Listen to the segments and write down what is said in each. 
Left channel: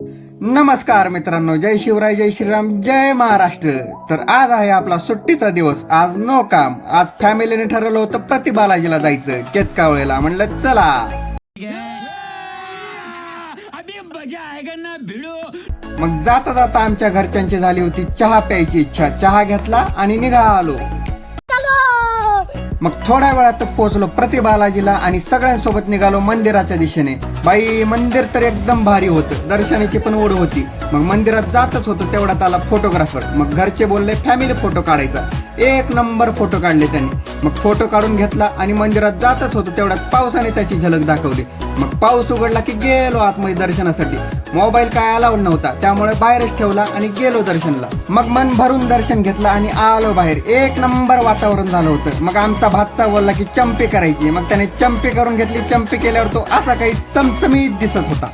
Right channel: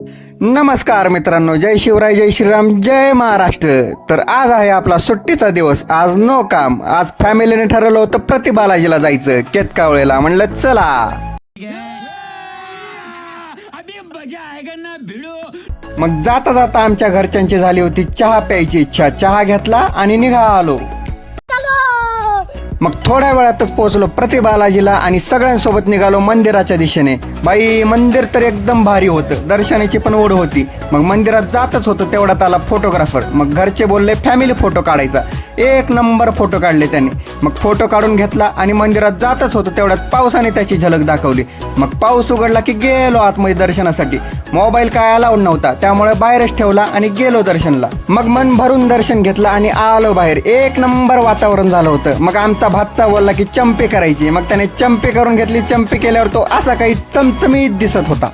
नमस्कार मित्रांनो, जय शिवराय, जय श्रीराम, जय महाराष्ट्र. तर आज आहे आपला सुट्टीचा दिवस. आज नो काम. आज फॅमिलीने ठरवलं होतं प्रति बालाजीला जायचं केतकावळेला. म्हणलं चला. मग जाता जाता आमच्या घरच्यांची झाली होती चहा प्यायची इच्छा. चहा घेतला आणि निघा आलो. मग थोड्या वेळातच पोहोचलो प्रति बालाजीला आणि सगळ्यांसोबत निघालो मंदिराच्या दिशेने. बाई, मंदिर तर एकदम भारी होतं. दर्शनाची पण ओढ होती. मग मंदिरात जातच होतं तेवढ्यात आला फोटोग्राफर. मग घरचे बोलले फॅमिली फोटो काढायचा. एक नंबर फोटो काढले त्यांनी. मग फोटो काढून घेतला आणि मंदिरात जातच होतं तेवढ्यात पावसाने त्याची झलक दाखवली. मग पाऊस उघडला की गेलो आतमध्ये दर्शनासाठी. मोबाईल काय अलाउड नव्हता, त्यामुळे बाहेरच ठेवला आणि गेलो दर्शनला. मग मन भरून दर्शन घेतलं आणि आलो बाहेर. एक नंबर वातावरण झालं होतं. मग आमचा भातचा बोलला की चंपी करायची. मग त्याने चंपी करून घेतली. चंपी केल्यावर तो असा काही चमचमीत दिसत होता.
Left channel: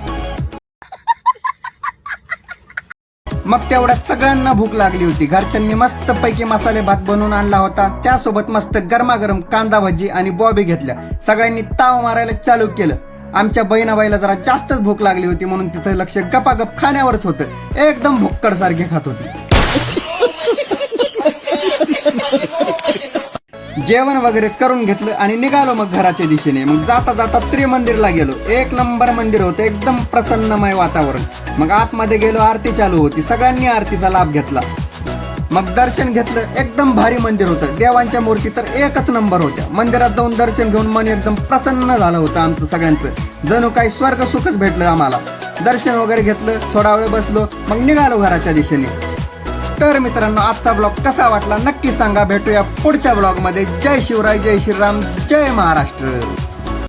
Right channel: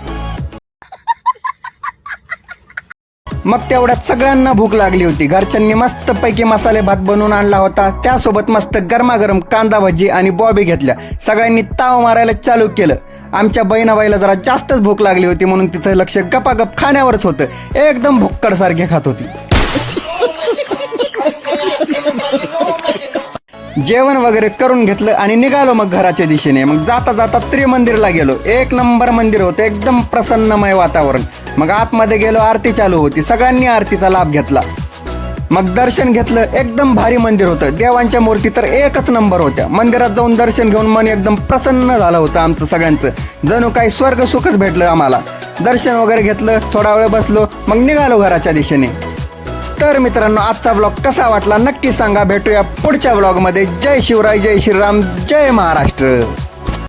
मग तेवढ्यात सगळ्यांना भूक लागली होती. घरच्यांनी मस्त पैकी मसाले भात बनवून आणला होता. त्यासोबत मस्त गरमागरम कांदा भजी आणि बॉबी घेतल्या. सगळ्यांनी ताव मारायला चालू केलं. आमच्या बहिणाबाईला जरा जास्तच भूक लागली होती म्हणून तिचं लक्ष गपागप खाण्यावरच होतं. एकदम भुक्कड सारखे खात होती. जेवण वगैरे करून घेतलं आणि निघालो मग घराच्या दिशेने. मग जाता जाता त्रिमंदिरला गेलो. एक नंबर मंदिर होतं, एकदम प्रसन्नमय वातावरण. मग आतमध्ये गेलो, आरती चालू होती. सगळ्यांनी आरतीचा लाभ घेतला. मग दर्शन घेतलं. एकदम भारी मंदिर होतं. देवांच्या मूर्ती तर एकच नंबर होत्या. मंदिरात जाऊन दर्शन घेऊन मन एकदम प्रसन्न झालं होतं आमचं सगळ्यांचं. जणू काही स्वर्ग सुखच भेटलं आम्हाला. दर्शन वगैरे घेतलं, थोडा वेळ बसलो, मग निघालो घराच्या दिशेने. तर मित्रांनो, आजचा व्लॉग कसा वाटला नक्की सांगा. भेटूया पुढच्या व्लॉगमध्ये. जय शिवराय, जय श्रीराम, जय महाराष्ट्र.